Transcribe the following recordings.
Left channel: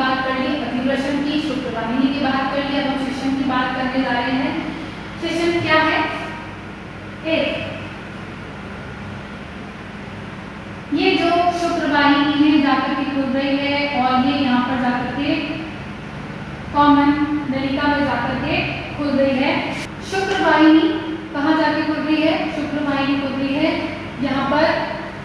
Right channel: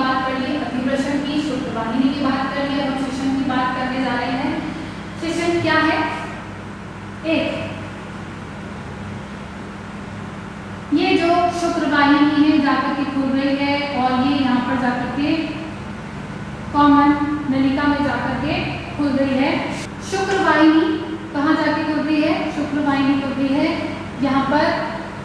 बात कर ली, अतिवृषण की, शुक्रवाहिनी की बात कर ली। अब हम शिशन की बात करने जा रहे हैं। शिशन क्या है? एक ये जो शुक्रवाहिनी है जाकर के खुल रही है और ये यहाँ पर जाकर के कॉमन नलिका में जाकर के खुल रही है। शुक्रवाहिनी कहाँ जाके खुल रही है? शुक्रवाहिनी खुल रही है यहाँ पर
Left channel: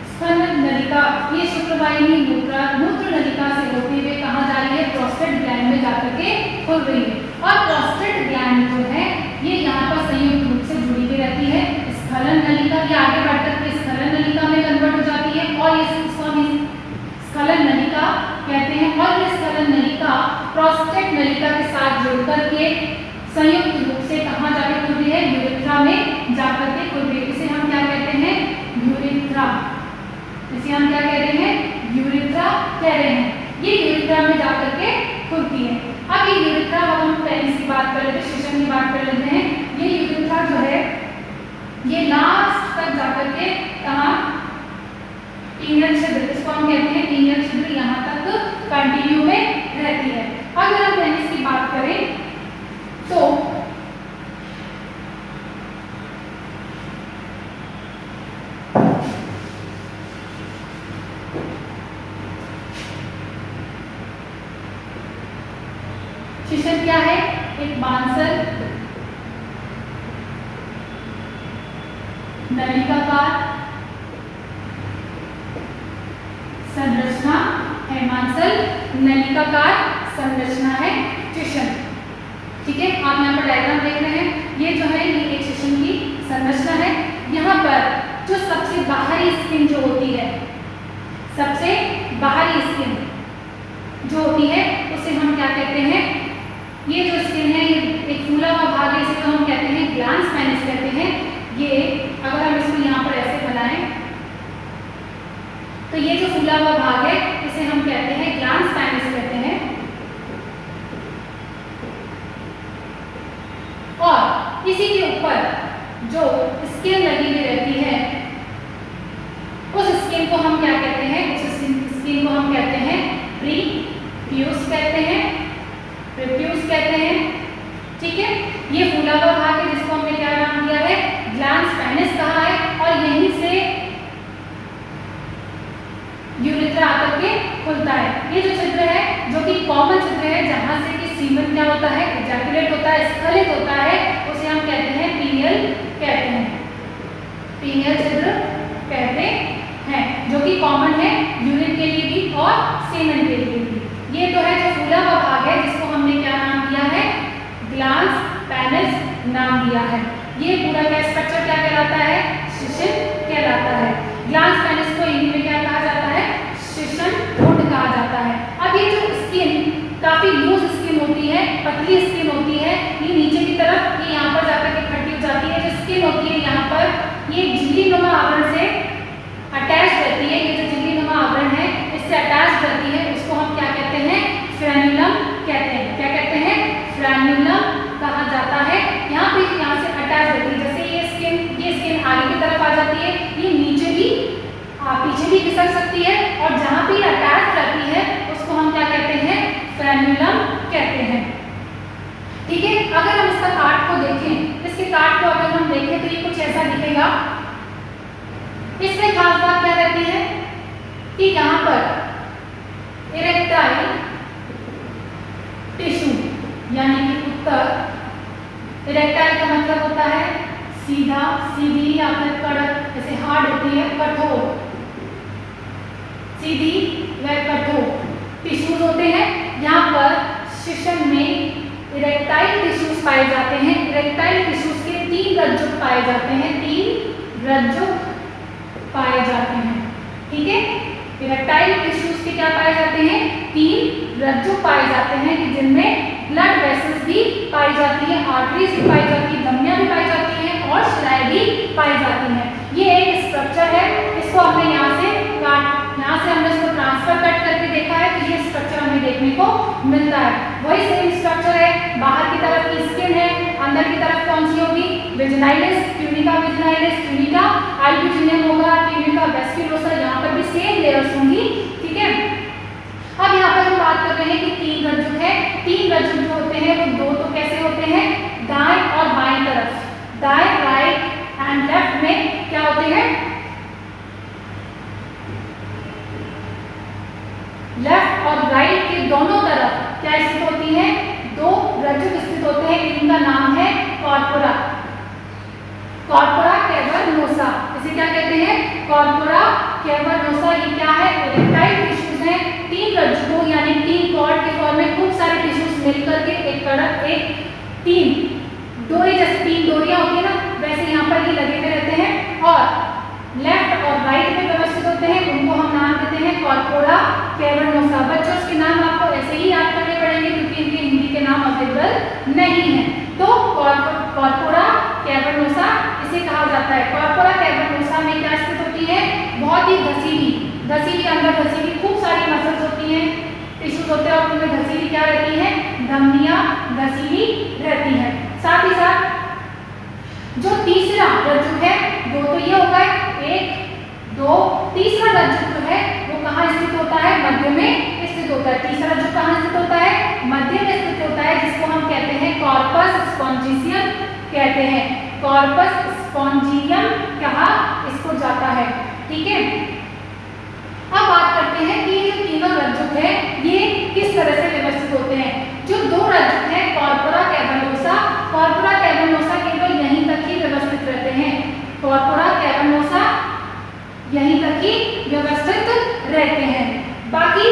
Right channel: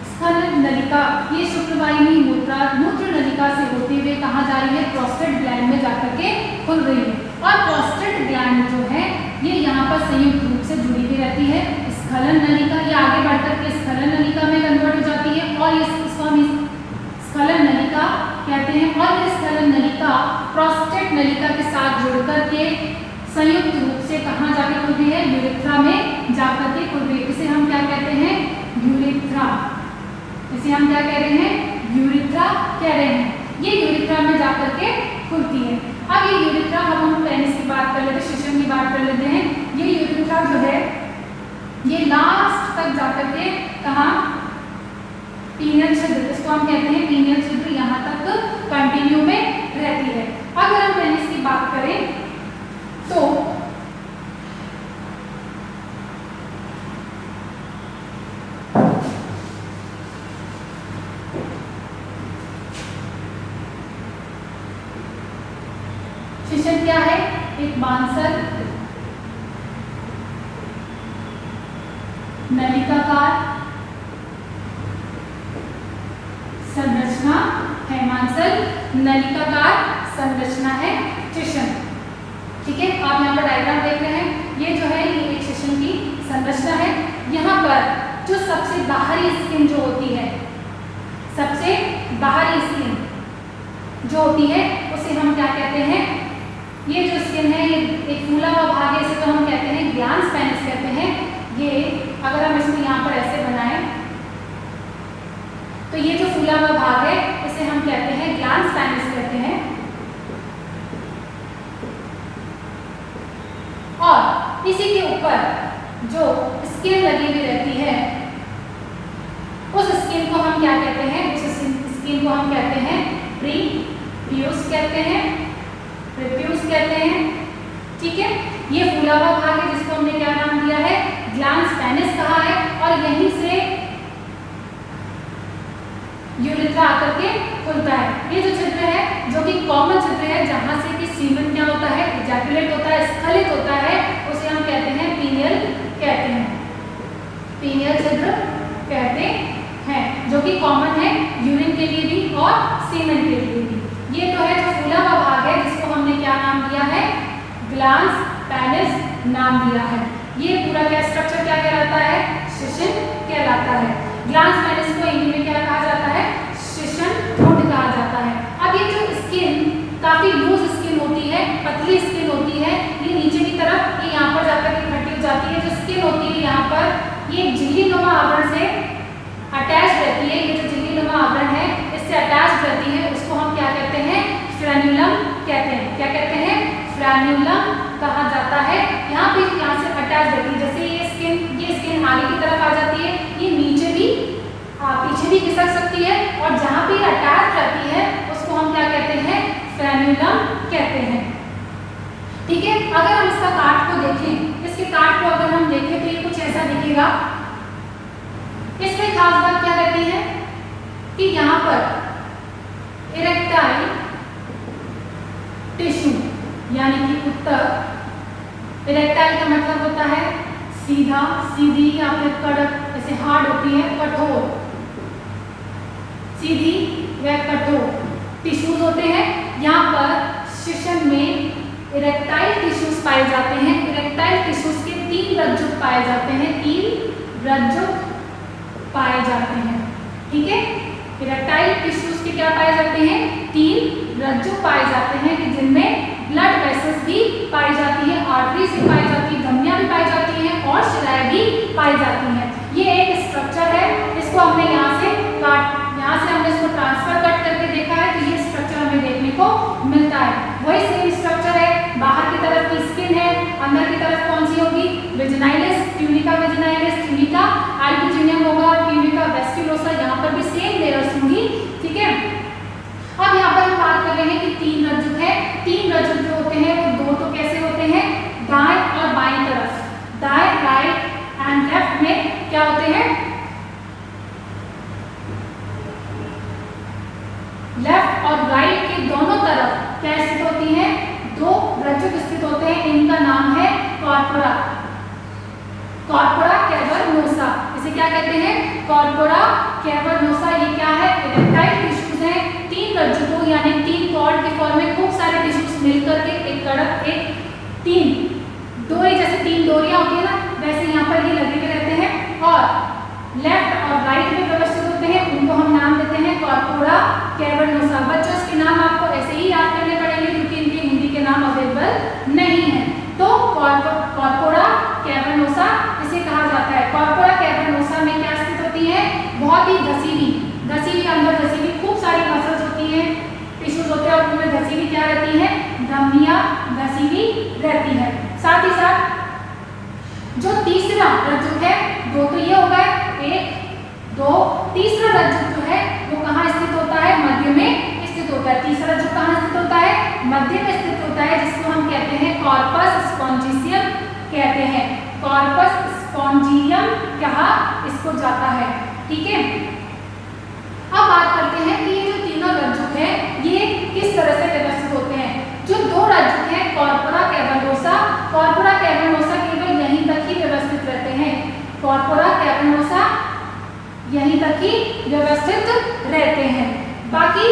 स्तन नलिका। ये शुक्रवाहिनी मूत्र नलिका से होते हुए कहाँ जा रही है? प्रोस्टेट ग्लैंड में जाकर के खुल रही है। और प्रोस्टेट ग्लैंड जो है ये यहाँ पर संयुक्त रूप से जुड़ी हुई रहती है। स्खलन नलिका ये आगे बढ़कर के स्खलन नलिका में कन्वर्ट हो जाती है और इसको हम स्खलन नलिका कहते हैं। और ये स्खलन नलिका प्रोस्टेट नलिका के साथ जुड़कर के संयुक्त रूप से कहाँ जाके खुल रही है? यूरेथ्रा में जाकर के खुल रही है। इसे हम क्या कहते हैं? यूरेथ्रा। इसे हम क्या कह रहे हैं? यूरेथ्रा कह रहे हैं। ये यूरेथ्रा में जाकर के खुलती है। अब ये यूरेथ्रा, अब हम पेनिस की बात कर लेते हैं, शिशन की बात कर लेते हैं। ये यूरेथ्रा जो है ये लास्ट तक जाकर के कहाँ? पीनियल छिद्र, इसको हम कहते हैं पीनियल छिद्र, यहाँ तक कंटिन्यू में रहती है। अगर हम पेनिस की बात करें तो शिशन क्या है? एक बांसल नलिकाकार संरचना है। मांसल नलिकाकार संरचना है शिशन। ठीक है, आप यहाँ पर डायग्राम देख रहे हैं। ये जो है ये एक शिशन की संरचना है। यहाँ पर जो सबसे बाहरी स्किन जो होती है, सबसे बाहरी स्किन जो होती है उसे हम क्या कहते हैं? ये जो स्किन है ये एक फूला हुआ भाग है, इसे तो हम कहते हैं ग्लैंस पेनिस कहते हैं। ये अगर हम इसको यहाँ पर ऐसे बनाएं तो ये जो फूला हुआ भाग है इसे हम कहते हैं ग्लैंस पेनिस कहते हैं। और इसी के ऊपर जो स्किन लगी हुई रहती है उस स्किन को हम क्या कहते हैं? उस स्किन को हम कहते हैं प्रीप्यूस कहते हैं, प्रीप्यूस कहते हैं। ठीक है, ये फूला हुआ भाग है जिसको हमने क्या नाम दिया है? ग्लैंस पेनिस कहा है। और यहीं से यूरेथ्रा आकर के खुलता है। ये जो छिद्र है जो कि कॉमन छिद्र है, जहां से कि सीमन क्या होता है? इजैकुलेट होता है, स्खलित होता है, उसे हम कहते हैं पीनियल कहते हैं। पीनियल छिद्र कहते हैं, जो कि कॉमन है यूरिन के लिए भी और सीमन के लिए भी। ये तो है जो फूला हुआ भाग है जिसको हमने क्या नाम दिया है? ग्लैंस पेनिस नाम दिया है। ये पूरा क्या स्ट्रक्चर क्या कहलाता है? शिशन कहलाता है। ग्लैंस पेनिस को हिंदी में क्या कहा जाता है? शिशन ठोंठ कहा जाता है। अब ये जो स्किन काफी लूज स्किन होती है, पतली स्किन होती है, ये नीचे की तरफ ये यहाँ पर जाकर इकट्ठी हो जाती है। जो स्किन होती है यहाँ पर ये झिल्ली नुमा आवरण से अटैच रहती है। ये जो झिल्ली नुमा आवरण है इससे अटैच रहती है, उसको हम क्या कहते हैं? फ्रेन्यूलम कहते हैं। क्या कहते हैं? फ्रेन्यूलम कहा जाता है। यहाँ पे यहाँ से अटैच रहती है। जैसे ये स्किन आगे की तरफ आ जाती है, ये नीचे भी पीछे भी खिसक सकती है, और जहाँ पे अटैच रहती है उसको हम क्या कहते हैं? फ्रेन्यूलम कहते हैं। ठीक है, अगर हम इसका काट को देखें, इसके काट को अगर हम देखें तो ये कुछ ऐसा दिखेगा। इसमें खास बात क्या रहती है कि यहाँ पर इरेक्टाइल टिश्यू यानी कि उत्तक, इरेक्टाइल का मतलब होता है सीधा, सीधी या फिर कड़क, जैसे हार्ड होती है, कठोर, सीधी व कठोर टिश्यूज होते हैं। यहाँ पर शिशन में इरेक्टाइल टिश्यूज पाए जाते हैं। इरेक्टाइल टिश्यूज के 3 रज्जुक पाए जाते हैं, 3 रज्जुक पाए जाते हैं। ठीक है, इरेक्टाइल टिश्यूज के क्या पाए जाते हैं? 3 रज्जुक पाए जाते हैं कि जिनमें ब्लड वेसल्स भी पाई जाती है, आर्टरीज भी पाई जाती है, धमनियां भी पाई जाती हैं और शिराएं भी पाई जाती हैं। ये एक स्ट्रक्चर है, इसको हमने यहाँ से हमने इसको ट्रांसफर कट करके देखा है तो ये स्ट्रक्चर हमें देखने को मिलता है। वही सेम स्ट्रक्चर है, बाहर की तरफ की स्किन है, अंदर की तरफ कौन सी होगी? वेजिनाइलिस, ट्यूनिका वेजिनाइलिस, ट्यूनिका अल्बुजिनियम होगा, ट्यूनिका वेस्क्युलोसा, यहाँ पर भी सेम लेयर्स होंगी। ठीक है, अब यहाँ पर हम बात कर रहे हैं कि कैवर्नोसा, ये क्या है, इरेक्टाइल टिश्यूज हैं। 3 रज्जुकों यानी 3 कॉर्ड के फॉर्म में खूब सारे टिश्यूज मिलकर के एक कड़क, एक 3 डोरी, जैसे 3 डोरियां होती है ना, वैसे यहाँ पर ये लगे हुए रहते हैं और लेफ्ट और राइट में व्यवस्थित होते हैं। उनको हम नाम देते हैं कॉर्पोरा कैवर्नोसा। बच्चों इसके नाम आपको ऐसे ही याद करने पड़ेंगे क्योंकि इनके हिंदी के नाम अवेलेबल नहीं है। तो कॉर्पोरा कैवर्नोसा इसे कहा जाता है। कॉर्पोरा कैवर्नोसा में क्या स्थित होती है, बहुत ही घसीली अंदर घसीली खूब सारी मसल्स होती हैं, टिश्यूज होते हैं और उनमें घसीली क्या रहती है, धमनियां घसीली रहती है। साथ ही साथ जो तीसरा रज्जुक है वो तो ये होगा 1 2, तीसरा रज्जुक जो है वो कहाँ स्थित होता है, मध्य में स्थित होता है। तीसरा रज्जुक कहाँ स्थित होता है, मध्य में स्थित होता है, जिसको हम कहते हैं कॉर्पस स्पॉन्जियम कहते हैं। कॉर्पस स्पॉन्जियम कहा इसको जाता है। ठीक है, अब बात करते हैं कि ये जो तीनों रज्जुक है ये किस तरह से व्यवस्थित होते हैं। जो 2 रज्जुक हैं कॉर्पोरा कैवर्नोसा केवल यहीं तक ही व्यवस्थित रहते हैं। कॉर्पोरा कैवर्नोसा यहीं तक ही व्यवस्थित रहते हैं। बाकी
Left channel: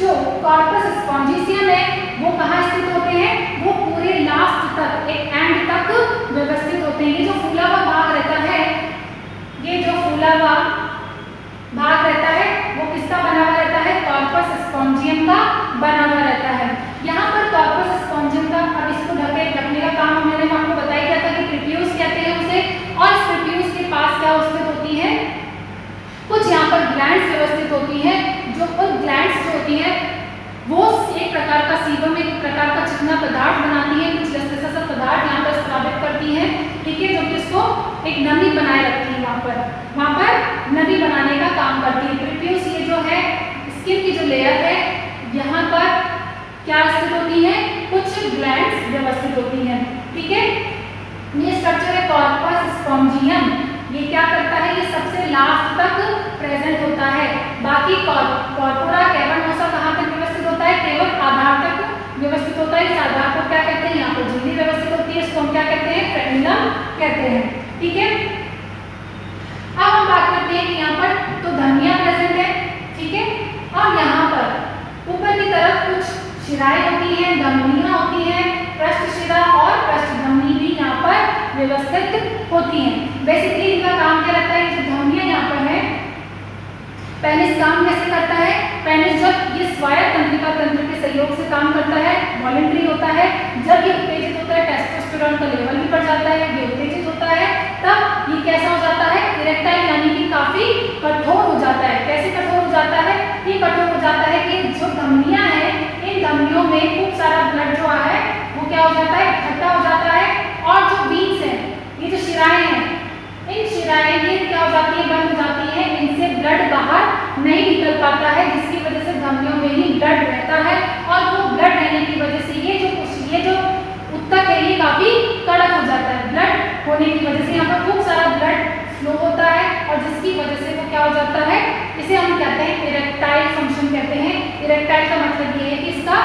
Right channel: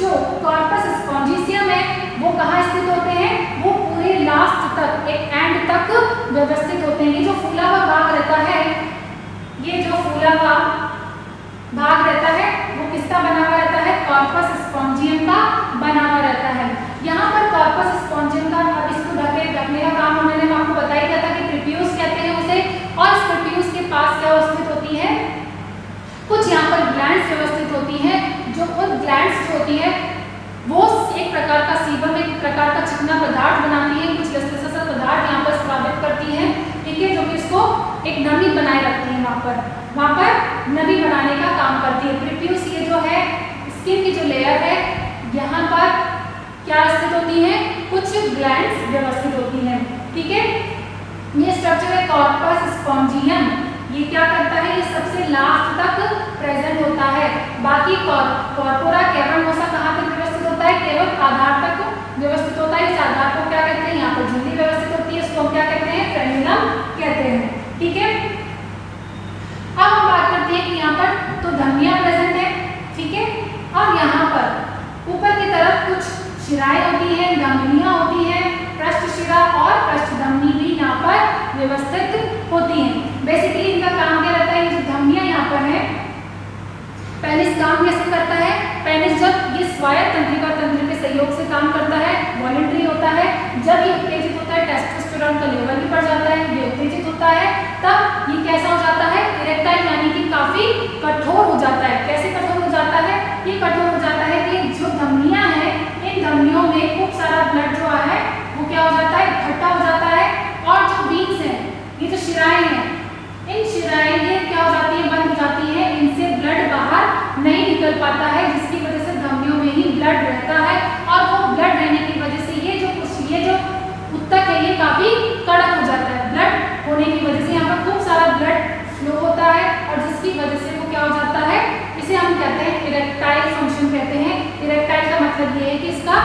जो कॉर्पस स्पॉन्जियम है वो कहाँ स्थित होते हैं, वो पूरे लास्ट तक, एक एंड तक व्यवस्थित होते हैं। ये जो फूला हुआ भाग रहता है, ये जो फूला हुआ भाग रहता है वो किसका बना हुआ रहता है, कॉर्पस स्पॉन्जियम का बना हुआ रहता है। यहाँ पर कॉर्पस स्पॉन्जियम का, अब इसको ढकने का काम मैंने आपको बताया गया था कि प्रीट्यूस कहते हैं उसे, और इस प्रीट्यूस के पास क्या स्थित होती है, कुछ यहाँ पर ग्लैंड्स व्यवस्थित होती हैं। जो उन ग्लैंड्स जो होती हैं वो एक प्रकार का सीबम, एक प्रकार का चिकना पदार्थ बनाती है, कुछ गैसेस पदार्थ यहाँ पर स्रावित करती हैं। ठीक है, जो कि इसको एक नमी बनाए रखती है, वहाँ पर नमी बनाने का काम करती है। प्रीट्यूस ये जो है स्किन की जो लेयर है यहाँ पर क्या स्थित होती है, कुछ ग्लैंड्स व्यवस्थित होती हैं। ठीक है, ये स्ट्रक्चर है कॉर्पस स्पॉन्जियम, ये क्या करता है, ये सबसे लास्ट तक प्रेजेंट होता है। बाकी कॉर्पोरा कैवर्नोसा कहाँ पर व्यवस्थित होता है, केवल आधार तक व्यवस्थित होता है। इस आधार को क्या कहते हैं, यहाँ पर झिल्ली व्यवस्थित होती है, इसको हम क्या कहते हैं, फ्रेनुलम कहते हैं। ठीक है, अब हम बात करते हैं कि यहाँ पर तो धमनियां प्रेजेंट है। ठीक है, और यहाँ पर ऊपर की तरफ कुछ शिराएं होती हैं, धमनियां होती हैं, पृष्ठ शिरा और पृष्ठ धमनी भी यहाँ पर व्यवस्थित होती हैं। बेसिकली इनका काम क्या रहता है, जो धमनियां यहाँ पर है, पेनिस काम कैसे करता है, पेनिस जब ये स्वायत्त तंत्रिका तंत्र के सहयोग से काम करता है, वॉलंटरी होता है, जब ये उत्तेजित होता है टेस्टोस्टेरोन का लेवल भी बढ़ जाता है, ये उत्तेजित होता है, तब ये कैसा हो जाता है, इरेक्टाइल यानी कि काफी कठोर हो जाता है। कैसे कठोर हो जाता है, ये कठोर हो जाता है कि जो धमनियां हैं, इन धमनियों में खूब सारा ब्लड जो है वो क्या हो जाता है, इकट्ठा हो जाता है, और जो वीन्स हैं, ये जो शिराएं हैं, इन शिराएं ये क्या हो जाती है, बंद हो जाती है, इनसे ब्लड बाहर नहीं निकल पाता है, जिसकी वजह से धमनियों में ही ब्लड रहता है, और वो ब्लड रहने की वजह से ये जो उत्तक है ये काफी कड़क हो जाता है। ब्लड होने की वजह से यहाँ पर खूब सारा ब्लड फ्लो होता है, और जिसकी वजह से वो क्या हो जाता है, इसे हम कहते हैं इरेक्टाइल फंक्शन कहते हैं। इरेक्टाइल का मतलब ये है कि इसका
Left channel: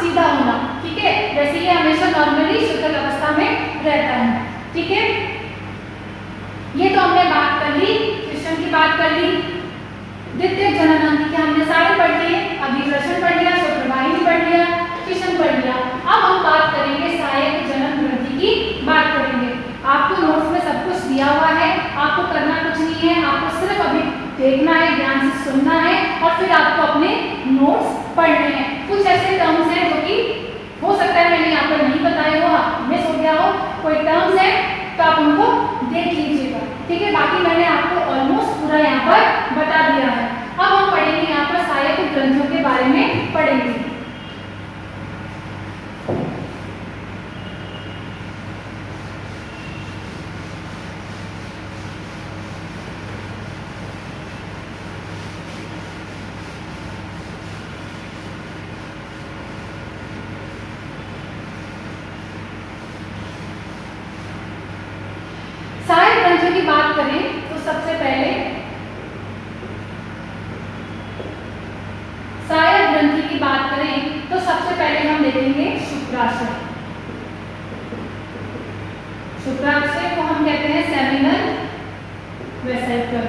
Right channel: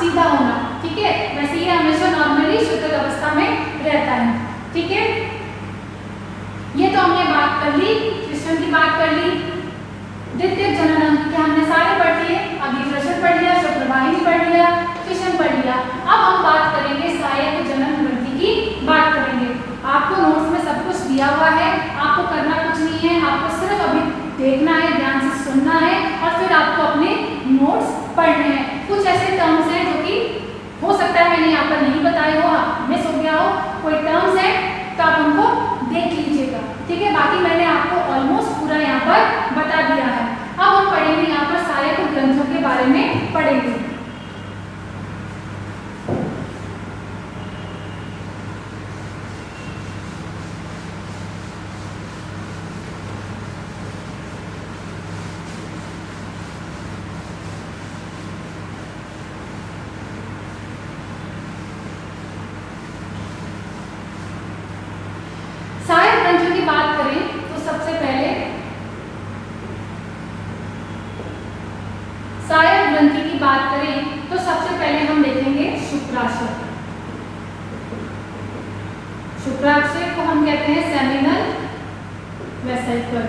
सीधा होना। ठीक है, वैसे ये हमेशा नॉर्मली शीतल अवस्था में रहता है। ठीक है, ये तो हमने बात कर ली, सिस्टम की बात कर ली, द्वितीयक जनन अंग की हमने सारे पढ़ लिए, अभिश्लेषण पढ़ लिया, शुक्रवाहिनी पढ़ लिया, फिशन पढ़ लिया। अब हम बात करेंगे सहायक जनन ग्रंथि की बात करेंगे। आपको नोट्स में सब कुछ दिया हुआ है, आपको करना कुछ नहीं है, आपको सिर्फ अभी देखना है, ध्यान से सुनना है, और फिर आपको अपने नोट्स पढ़ने हैं। कुछ ऐसे टर्म्स हैं जो कि हो सकता है मैंने यहाँ पर नहीं बताए हो, मिस हो गया हो, कोई टर्म्स है तो आप उनको देख लीजिएगा। ठीक है, बाकी मैंने आपको ऑलमोस्ट पूरा यहाँ पर बता दिया है। अब हम पढ़ेंगे यहाँ पर सहायक ग्रंथों के बारे में पढ़ेंगे। सहायक ग्रंथों की बात करें तो सबसे पहले सहायक ग्रंथि की बात करें वेसिकल,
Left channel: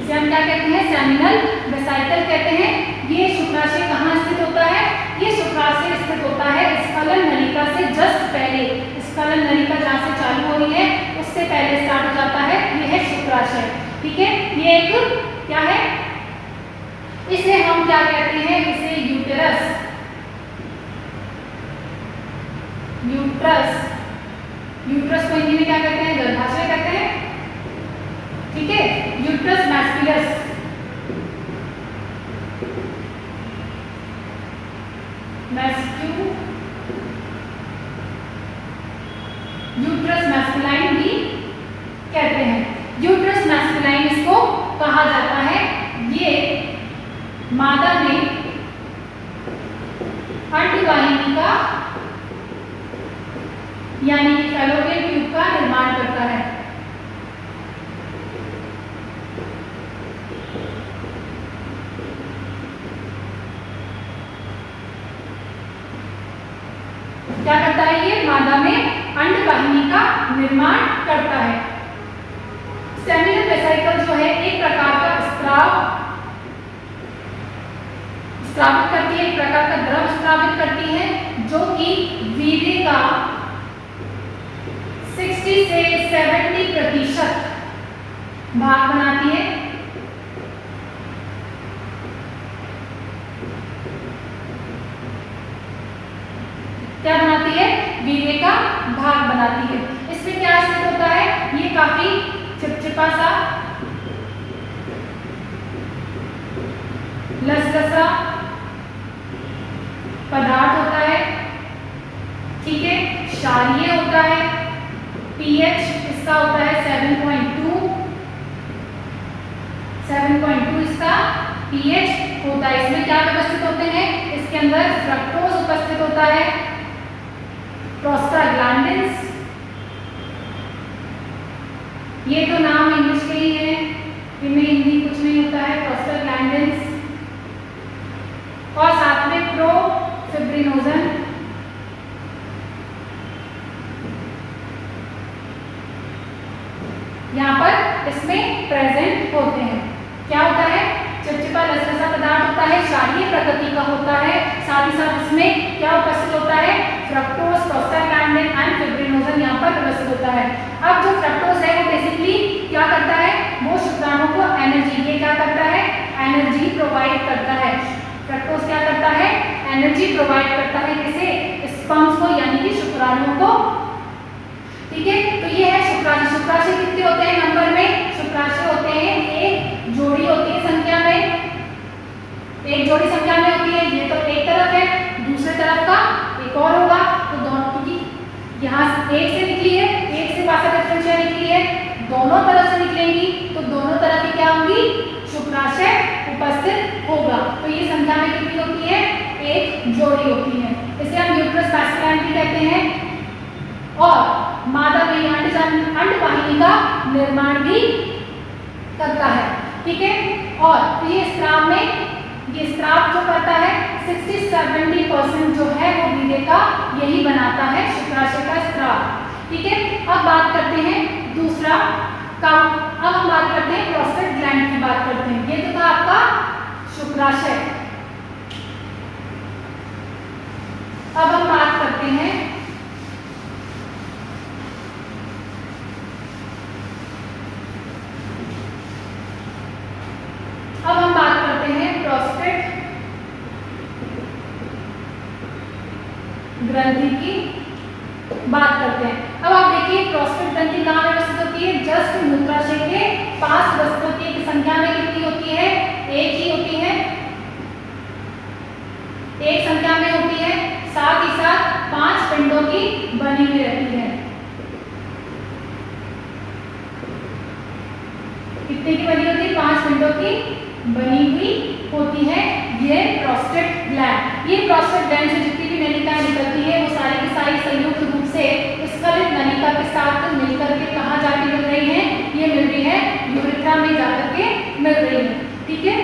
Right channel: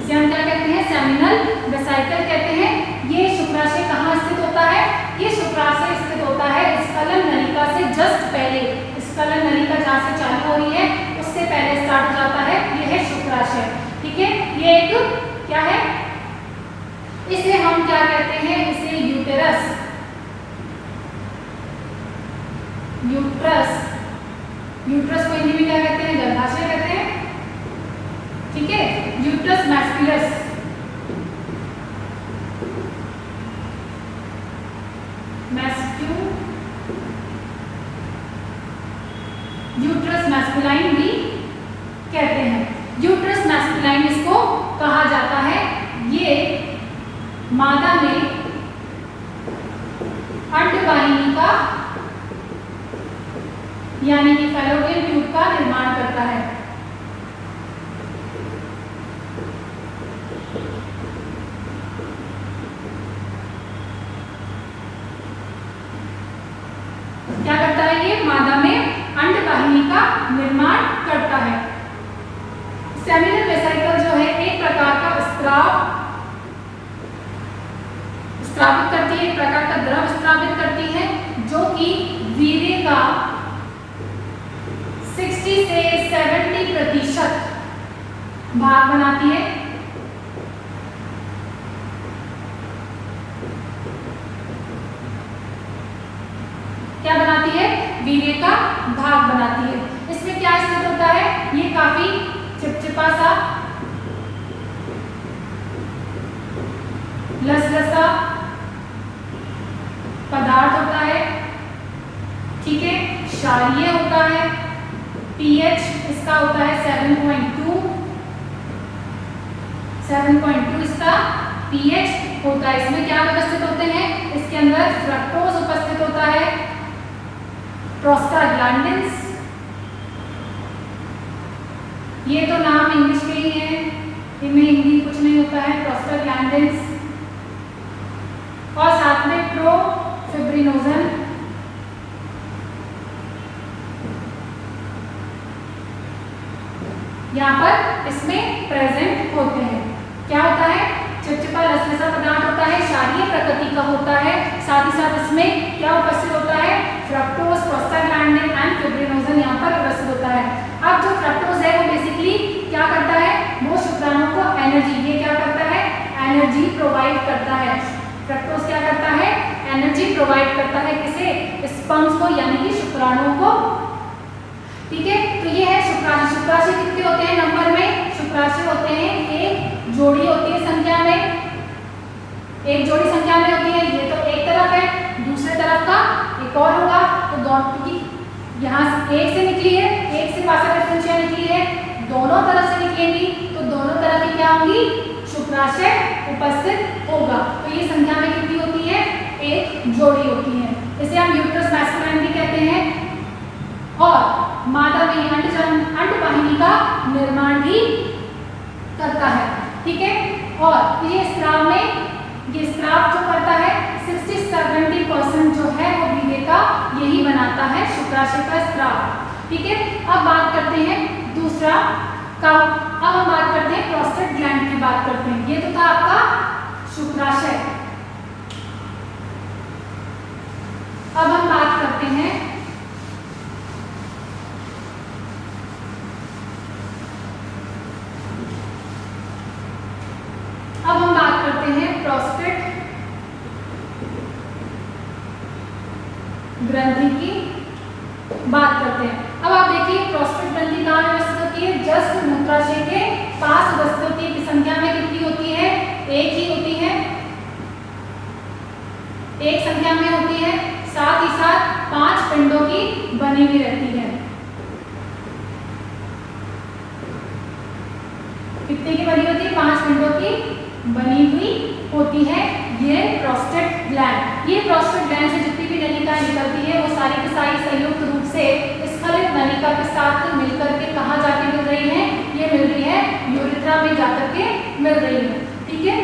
इसे हम क्या कहते हैं, सेमिनल वेसिकल कहते हैं। ये शुक्राशय कहाँ स्थित होता है, ये शुक्राशय स्थित होता है स्खलन नलिका से जस्ट पहले, स्खलन नलिका जहाँ से चालू हो रही है उससे पहले स्टार्ट हो जाता है, ये है शुक्राशय। ठीक है, ये एक क्या है, इसे हम क्या कहते हैं, इसे यूटेरस, यूट्रस, यूट्रस को हिंदी में क्या कहते हैं, गर्भाशय कहते हैं। ठीक है, यूट्रस मैस्कुलस, यूट्रस मैस्कुलाइन भी कहते हैं। यूट्रस मैस्कुलाइन इसको कहा जाता है। ये मादा में अंडवाहिनी का यानी कि फैलोपियन ट्यूब का निर्माण करता है। क्या करता है, ये मादा में अंडवाहिनी का निर्माण करता है। सेमिनल वेसिकल जो है एक प्रकार का स्रावित करती है, एक प्रकार का द्रव स्रावित करती है जो कि वीर्य का 60 से 70% भाग बनाती है। क्या बनाती है, वीर्य का भाग बनाती है। इसमें क्या स्थित होता है, ये काफी चिपचिपा सा लसलसा पदार्थ होता है। ठीक है, क्षारीय होता है, पीएच इसका होता है 7.2 इसका पीएच होता है। इसमें क्या उपस्थित होते हैं, इसके अंदर फ्रक्टोज उपस्थित होता है, प्रोस्टाग्लैंडिन्स, ये तो नाम इंग्लिश के ही है, इनमें हिंदी कुछ नहीं होता है, प्रोस्टाग्लैंडिन्स, और साथ में प्रोफिब्रिनोजन, यहाँ पर इसमें प्रेजेंट होते हैं। क्या होता है, चिपचिपा लसलसा पदार्थ होता है, क्षारीय प्रकृति का होता है, साथ ही साथ इसमें क्या उपस्थित होता है, फ्रक्टोज, प्रोस्टाग्लैंडिन एंड फिब्रिनोजन यहाँ पर उपस्थित होता है। अब जो फ्रक्टोज है वो बेसिकली क्या करता है, वो शुक्राणु को एनर्जी, ये क्या करता है, एनर्जी प्रोवाइड करता है। फ्रक्टोज क्या करता है, एनर्जी प्रोवाइड करता है, किसे, स्पर्म्स को यानी कि शुक्राणु को। ठीक है, तो ये है शुक्राणु। शुक्राशय कितने होते हैं नंबर में, शुक्राशय होते हैं एक जोड़ी होती है संख्या में, एक जोड़ी संख्या में होती है। ये तो एक तरफ है, दूसरे तरफ का एक और होगा, तो दोनों, क्योंकि यहाँ एक से निकली है, एक से वासा डिफरेंशिया निकली है, दोनों तरफ से निकलेंगी तो दोनों तरफ ही क्या होंगी, शुक्राशय उपस्थित होगा। तो ये संख्या में कितनी होती है, एक जोड़ी होती है। इसे हम यूट्रस मैस्कुलाइन भी कहते हैं। और मादा में अंडवाहिनी का निर्माण भी करता है। ठीक है, और ये स्राव में, ये स्राव जो करता है 60-70% जो है वो वीर्य का यही बनाता है, शुक्राशय का स्राव। ठीक है, अब बात करते हैं दूसरा का, अब हम बात करते हैं प्रोस्टेट ग्लैंड की बात करते हैं। ये तो था आपका शुक्राशय। अब हम बात करते हैं प्रोस्टेट ग्रंथि की बात करते हैं। अब आप देखिए प्रोस्टेट ग्रंथि कहाँ व्यवस्थित होती है, जस्ट मूत्राशय के पास व्यवस्थित होती है। संख्या में कितनी होती है, एक ही होती है, एक संख्या में होती है, साथ ही साथ 5 पिंडों की बनी हुई रहती है। कितने की बनी होती है, 5 पिंडों की बनी हुई होती है। ये प्रोस्टेट ग्लैंड, ये प्रोस्टेट ग्लैंड से जितनी भी नलिकाएं निकलती है वो सारी की सारी संयुक्त रूप से स्खलित नलिका के साथ मिलकर के कहाँ जाके मिल रही है, ये मिल रही है यूरेथ्रा में जाकर के मिल रही है। ठीक है,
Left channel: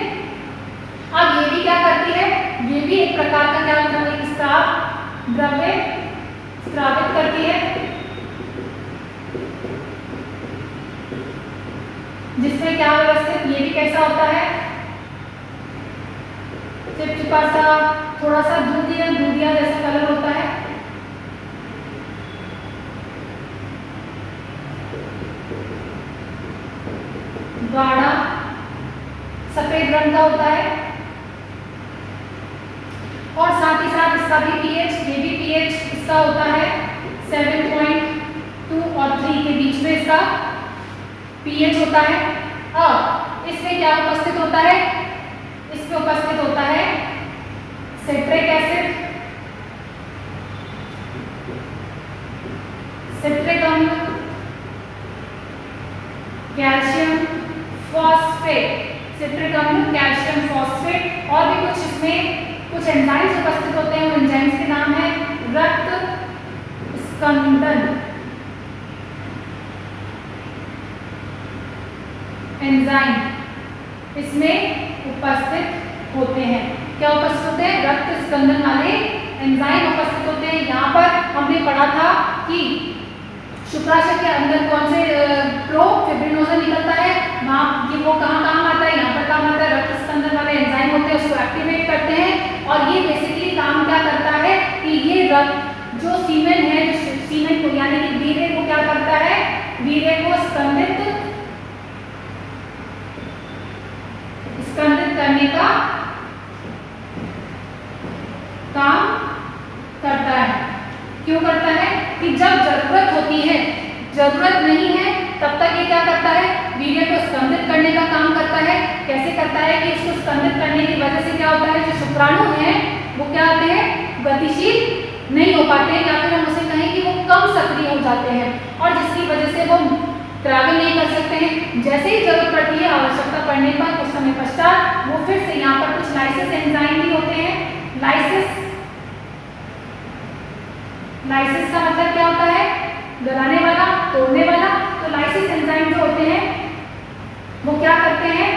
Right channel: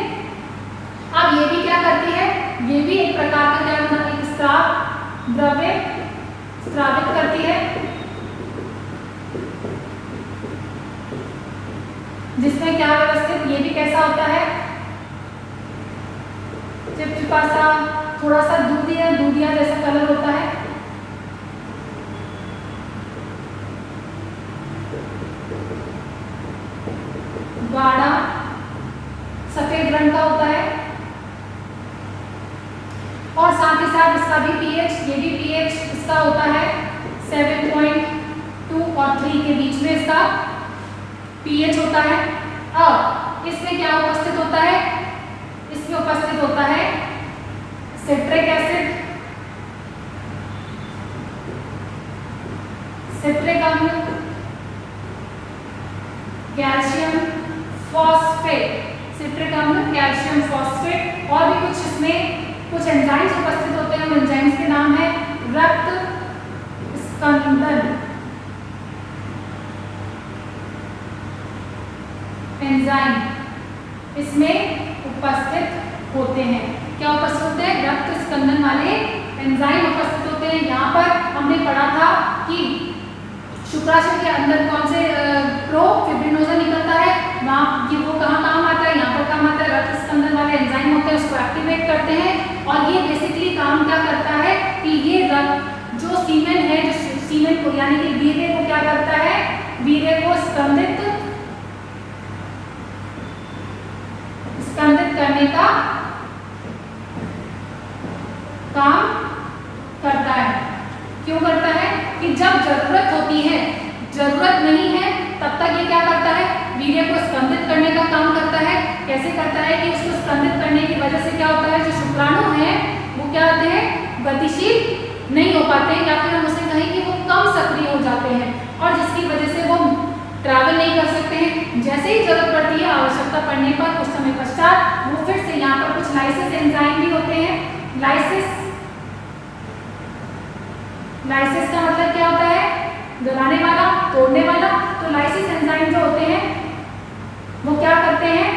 अब ये भी क्या करती है, ये भी एक प्रकार का क्या होता है, एक स्राव द्रव्य स्रावित करती है। जिसमें क्या व्यवस्थित, ये भी कैसा होता है, चिपचिपा सा, थोड़ा सा दूधिया जैसा कलर होता है। गाढ़ा सफेद रंग का होता है और साथ ही साथ इसका भी पीएच, ये भी पीएच इसका होता है 7.2 और 3 के बीच में इसका पीएच होता है। अब इसमें क्या उपस्थित होता है, इसमें उपस्थित होता है सिट्रिक एसिड, सिट्रिक अम्ल, कैल्शियम फॉस्फेट, सिट्रिक अम्ल, कैल्शियम फॉस्फेट और भी कुछ इसमें कुछ एंजाइम्स उपस्थित होते हैं। उन एंजाइम्स के नाम है रक्त स्कंदन एंजाइम, इसमें उपस्थित होते हैं। क्या उपस्थित होते हैं, रक्त स्कंदन वाले एंजाइम उपस्थित होते हैं। यहाँ पर हमने पढ़ा था कि शुक्राशय के अंदर कौन से प्रोफिब्रिनोजन निकलता है, वहाँ कि वो कहाँ काम आता है, यहाँ पर काम आता है। रक्त स्कंदन वाले एंजाइम होते हैं, उसको एक्टिवेट करते हैं और ये बेसिकली काम क्या करता है कि ये रक्त जो सीमेन है, जो सीमेन को यानी कि वीर्य को क्या करता है, वीर्य को स्कंदित करने का काम करता है। क्यों करता है कि जब जरूरत होती है, जरूरत नहीं है तब तक ये क्या करता है, वीर्य को स्कंदित करने का काम करता है। कैसे करता है कि इसको स्कंदित करने की वजह से क्या होता है, जो शुक्राणु हैं वो क्या होते हैं, गतिशील नहीं हो पाते हैं या फिर हम उसे कहें कि वो कम सक्रिय हो जाते हैं और जिसकी वजह से वो ट्रैवल नहीं कर सकते हैं। जैसे ही जरूरत पड़ती है, आवश्यकता पड़ने पर कुछ समय पश्चात वो फिर से यहाँ पर कुछ लाइसिस एंजाइम भी होते हैं। लाइसिस का मतलब क्या होता है, गलाने वाला, तोड़ने वाला। तो लाइसिस एंजाइम जो होते हैं वो क्या करते हैं,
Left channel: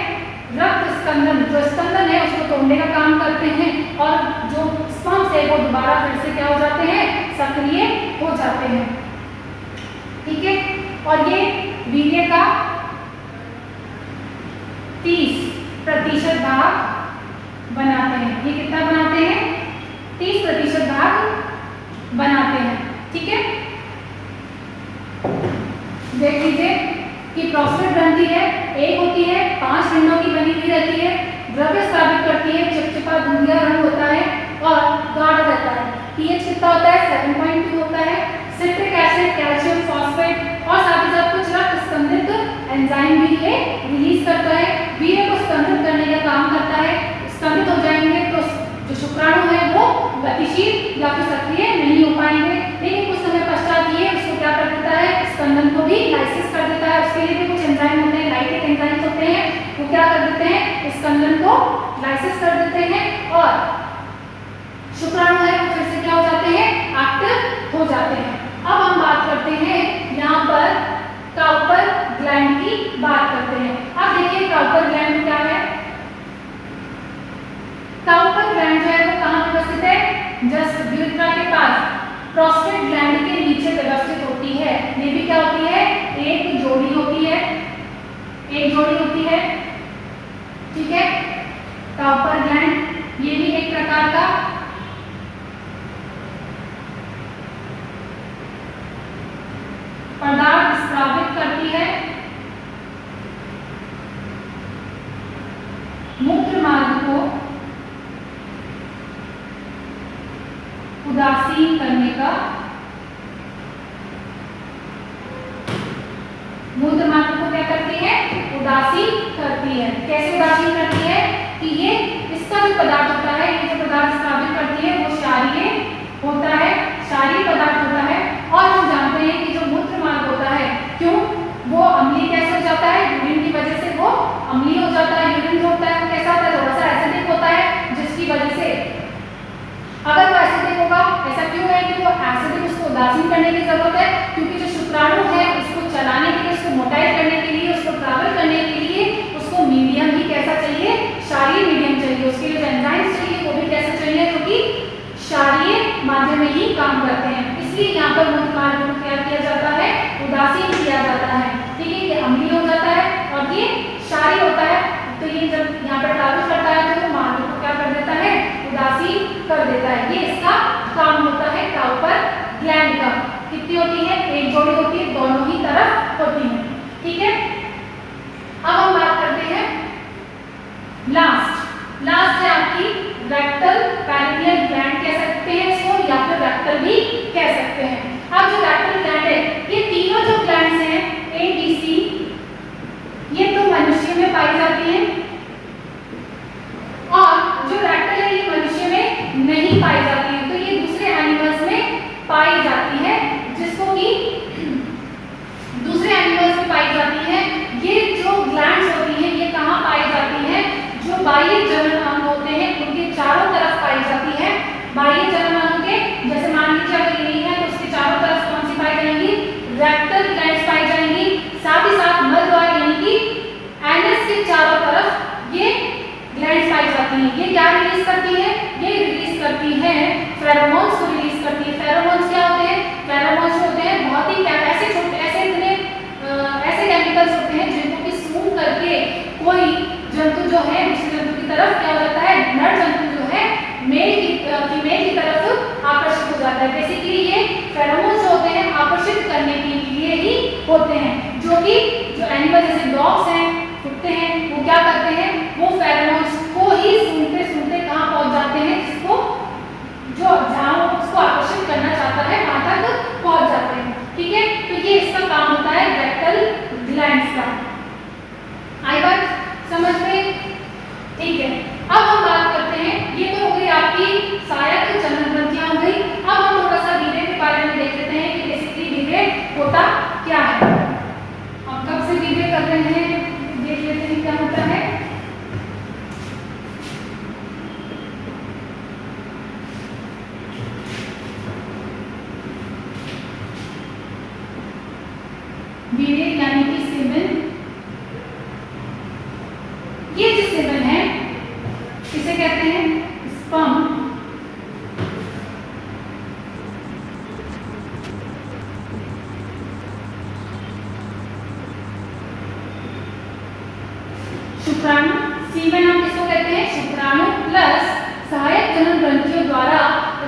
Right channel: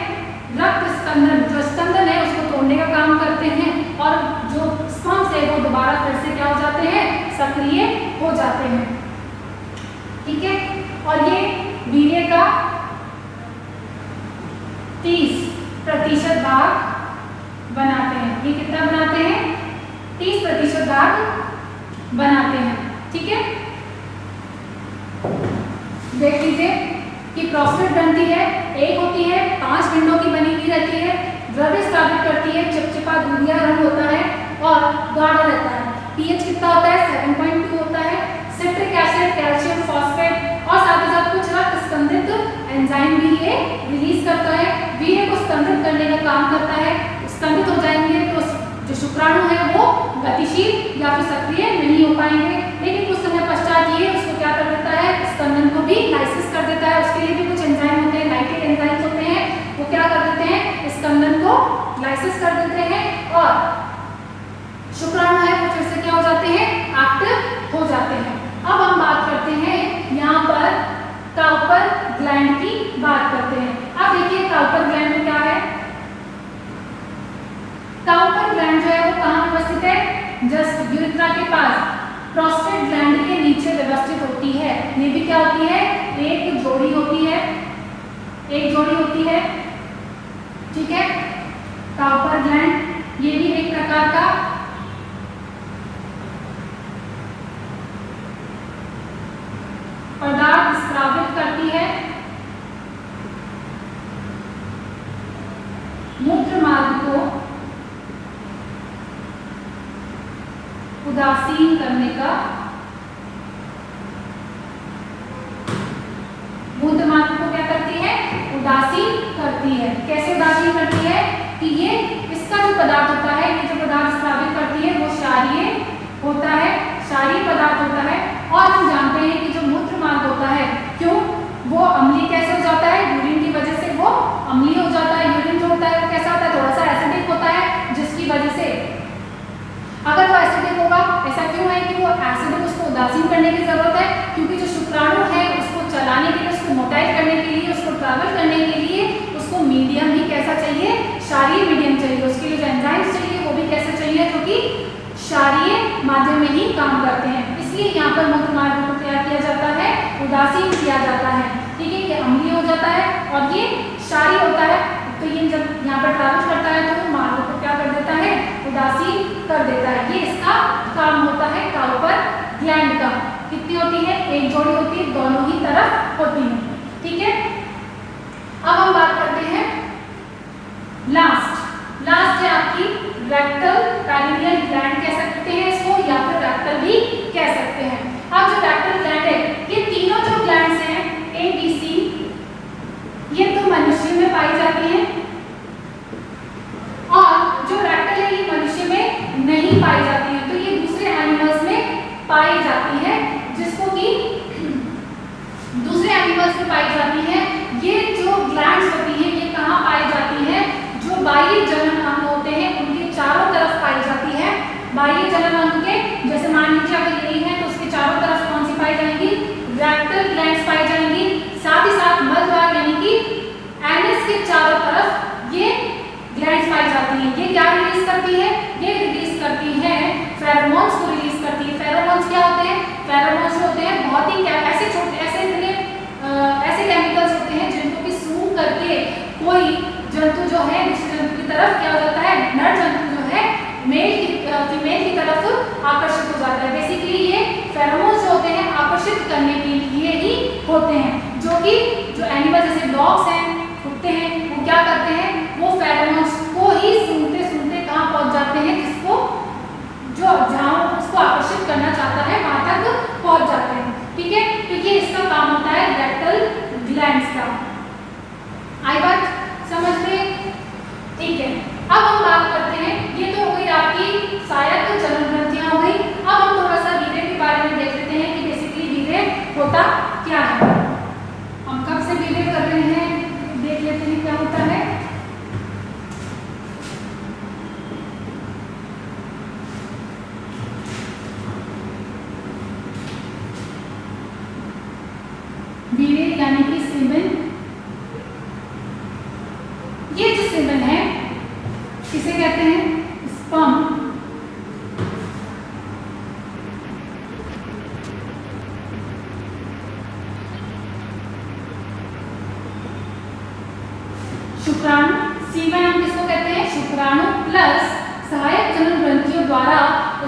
रक्त स्कंदन, जो स्कंदन है उसको तोड़ने का काम करते हैं और जो स्पॉन्ज है वो दोबारा फिर से क्या हो जाते हैं, सक्रिय हो जाते हैं। ठीक है, और ये वीर्य का 30% भाग बनाते हैं। ये कितना बनाते हैं, 30% भाग बनाते हैं। ठीक है, देख लीजिए कि प्रोस्टेट ग्रंथि है, एक होती है, 5 खंडों की बनी हुई रहती है, द्रव्य स्रावित करती है, चिपचिपा दूधिया रंग होता है और गाढ़ा रहता है। पीएच कितना होता है, 7.2 होता है। सिट्रिक एसिड, कैल्शियम फॉस्फेट और साथ ही साथ कुछ रक्त स्कंदित एंजाइम भी ये रिलीज करता है, वीर्य को स्कंदित करने का काम करता है। स्कंदित हो जाएंगे तो जो शुक्राणु है वो गतिशील या फिर सक्रिय नहीं हो पाएंगे, लेकिन कुछ समय पश्चात ये उसको क्या कर देता है, स्कंदन को भी लाइसिस कर देता है। उसके लिए भी कुछ एंजाइम होते हैं, लाइटेड एंजाइम्स होते हैं, वो क्या कर देते हैं, स्कंदन को लाइसिस कर देते हैं और शुक्राणु है वो फिर से क्या हो जाते हैं, एक्टिव हो जाते हैं। अब हम बात करते हैं यहाँ पर काउपर ग्लैंड की बात करते हैं। अब देखिए काउपर ग्लैंड क्या है, काउपर ग्लैंड जो है वो कहाँ व्यवस्थित है, जस्ट यूरेथ्रा के पास प्रोस्टेट ग्लैंड के नीचे व्यवस्थित होती है। ये भी क्या होती है, एक जोड़ी होती है, एक जोड़ी होती है। ठीक है, काउपर ग्लैंड ये भी एक प्रकार का पदार्थ स्रावित करती है, मूत्र मार्ग को उदासीन करने का, मूत्र मार्ग को क्या करती है, उदासीन करती है। कैसे उदासीन करती है कि ये इसका जो पदार्थ होता है, ये जो पदार्थ स्रावित करती है वो क्षारीय होता है, क्षारीय पदार्थ होता है। और हम जानते हैं कि जो मूत्र मार्ग होता है, क्यों वो अम्लीय कैसे हो जाता है, यूरिन की वजह से वो अम्लीय हो जाता है। यूरिन जो होता है वो कैसा होता है, थोड़ा सा एसिडिक होता है, जिसकी वजह से अगर वो एसिडिक होगा, ऐसा क्यों है कि वो एसिडिक, उसको उदासीन करने की जरूरत है, क्योंकि जो शुक्राणु है उसको चलाने के लिए, उसको मोटाइल करने के लिए, उसको ट्रैवल करने के लिए उसको मीडियम ही कैसा चाहिए, क्षारीय मीडियम चाहिए। उसके लिए जो एंजाइम्स चाहिए वो भी कैसे चाहिए, जो कि क्षारीय माध्यम में ही काम करते हैं। इसलिए यहाँ पर मूत्र मार्ग को क्या किया जाता है, उदासीन किया जाता है। ठीक है, ये अम्लीय हो जाता है और ये कर देता है। ये इसका काम होता है काउपर ग्लैंड का। कितनी होती है? एक जोड़ी होती है, दोनों ही तरफ होती है। ठीक है, अब हम बात करते हैं लास्ट है आपकी रेक्टल पेरिनियल ग्लैंड कह सकते हैं इसको, या फिर रेक्टल भी कह सकते हैं। अब जो रेक्टल ग्लैंड है, ये तीनों जो ग्लैंड्स हैं ए बी सी, ये तो मनुष्य में पाई जाती हैं, और जो रेक्टल है ये मनुष्य में नहीं पाई जाती है, तो ये दूसरे एनिमल्स में पाई जाती है, जिसको कि दूसरे एनिमल्स में पाई जाती है। ये जो ग्लैंड्स होती हैं ये कहाँ पाई जाती हैं? जो बाह्य जनन अंग होते हैं उनके चारों तरफ पाई जाती है। बाह्य जनन अंग के जैसे मान लीजिए अगर ये नहीं है तो उसके चारों तरफ कौन सी पाई जाएंगी? रेक्टल ग्लैंड्स पाई जाएंगी। साथ ही साथ मलद्वार यानी कि एनस के चारों तरफ ये ग्लैंड्स पाई जाती हैं। ये क्या रिलीज करती है? ये रिलीज करती है फेरोमोन्स को रिलीज करती है। फेरोमोन्स क्या होते हैं? फेरोमोन्स होते हैं बहुत ही ऐसे छोटे ऐसे केमिकल्स होते हैं जिनको कि सूंघ करके कोई जंतु जो है दूसरे जंतु की तरफ क्या हो जाता है? नर जंतु जो है फीमेल की तरफ आकर्षित हो जाता है। बेसिकली ये फेरोमोन्स होते हैं आकर्षित करने के लिए ही होते हैं, जो कि जो एनिमल जैसे डॉग्स हैं, कुत्ते हैं, वो क्या करते हैं? वो फेरोमोन्स को ही सूंघते सूंघते कहाँ पहुंच जाते हैं? जिसको जो जहाँ उसको आकर्षित करना चाहता है वहां तक पहुंच जाते हैं। ठीक है, तो ये इसका काम होता है रेक्टल ग्लैंड्स का। आई बात समझ में? ठीक है, अब हम बात करते हैं, ये तो हो गई आपकी सहायक जनन ग्रंथियां हो गई। अब हम थोड़ा सा वीर्य के बारे में देख लेते हैं कि बेसिकली वीर्य होता क्या है। हम कब से वीर्य कर रहे हैं देख लेते हैं क्या होता है। वीर्य यानी कि सीमेन। ये जो सीमेन है किसे कहते हैं? स्पर्म। शुक्राणु। सीमेन हम किसको कहते हैं? शुक्राणु प्लस सहायक जनन ग्रंथियों द्वारा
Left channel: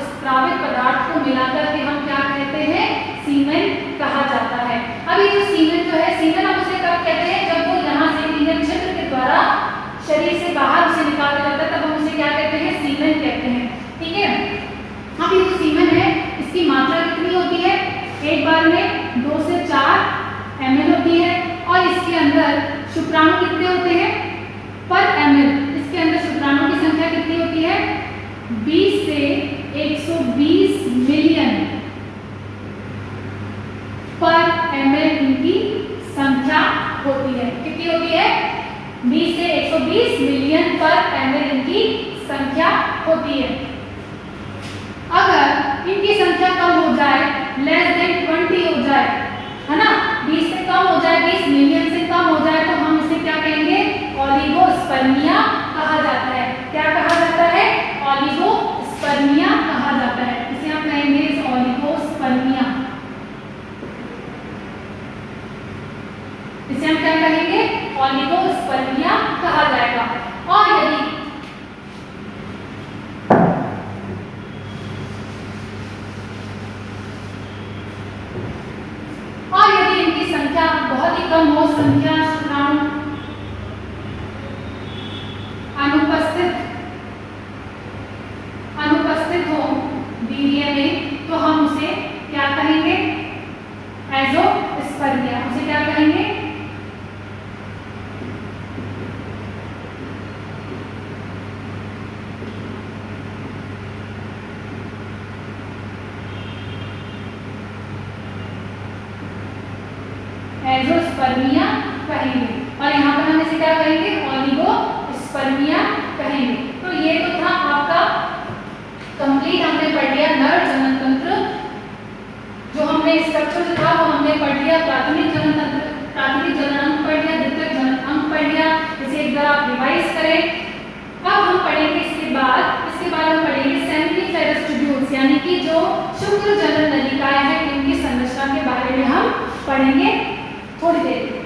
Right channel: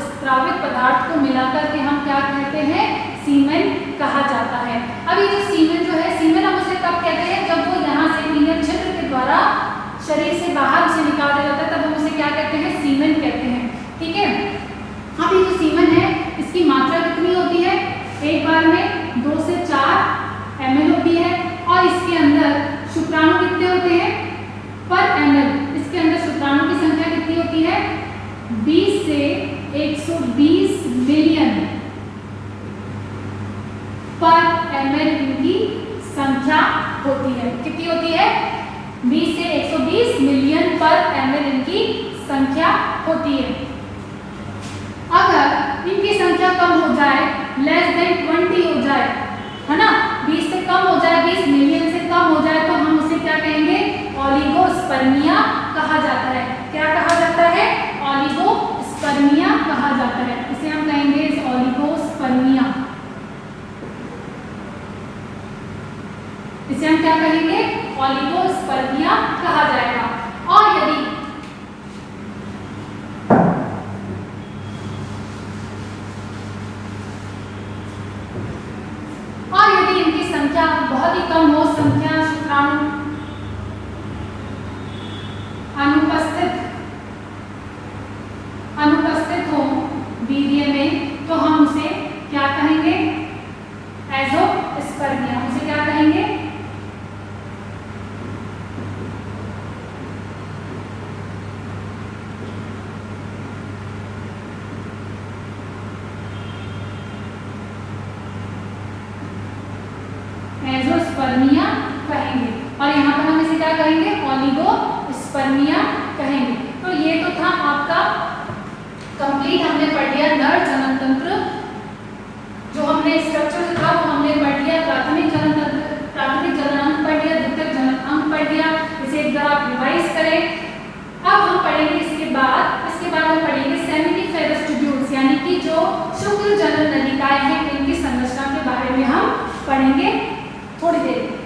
स्त्रावित पदार्थ को मिलाकर के हम क्या कहते हैं? सीमेन कहा जाता है। अब ये जो सीमेन जो है, सीमेन हम उसे कब कहते हैं? जब वो यहाँ से लीनियर छिद्र के द्वारा शरीर से बाहर उसे निकाला जाता है, तब हम उसे क्या कहते हैं? सीमेन कहते हैं। ठीक है, अब ये जो सीमेन है इसकी मात्रा कितनी होती है? एक बार में 2 से 4 ml होती है, और इसके अंदर शुक्राणु कितने होते हैं पर ml? इसके अंदर शुक्राणु की संख्या कितनी होती है? 20 से 120 मिलियन पर ml इनकी संख्या होती है। कितनी होती है? 20 से 120 मिलियन पर ml इनकी संख्या होती है। अगर इनकी संख्या कम हो जाए, लेस देन 20 हो जाए, है ना, 20 से कम हो जाए, 20 मिलियन से कम हो जाए, तो हम इसे क्या कहेंगे? ओलिगोस्पर्मिया कहा जाता है। क्या कहा जाता है? ओलिगोस्पर्मिया कहा जाता है। इसे हम कहेंगे ओलिगोस्पर्मिया। इसे हम क्या कहेंगे? ओलिगोस्पर्मिया कहा जाएगा। और यदि इनकी संख्या बहुत ही कम हो, संख्या शुक्राणु अनुपस्थित हो वीर्य में, तो हम उसे क्या कहेंगे? एज़ोस्पर्मिया। उसे क्या कहेंगे? एज़ोस्पर्मिया कहेंगे। और यहाँ पर हम इसे क्या कहेंगे? ओलिगोस्पर्मिया कहेंगे। तो ये तो था आपका कंप्लीट, हमने पढ़ लिया नर जनन तंत्र। जो हमने स्ट्रक्चर जो था वो हमने पढ़ लिया। प्राथमिक जनन अंग पढ़ लिया, द्वितीयक जनन अंग पढ़ लिया। इसे एक बार आप रिवाइज करें। अब हम पढ़ेंगे इसके बाद हम पढ़ेंगे सेमिनिफेरस ट्यूब्यूल्स, यानी कि जो शुक्र जनन नलिकाएं हैं, इनकी संरचना के बारे में हम पढ़ेंगे थोड़ी देर।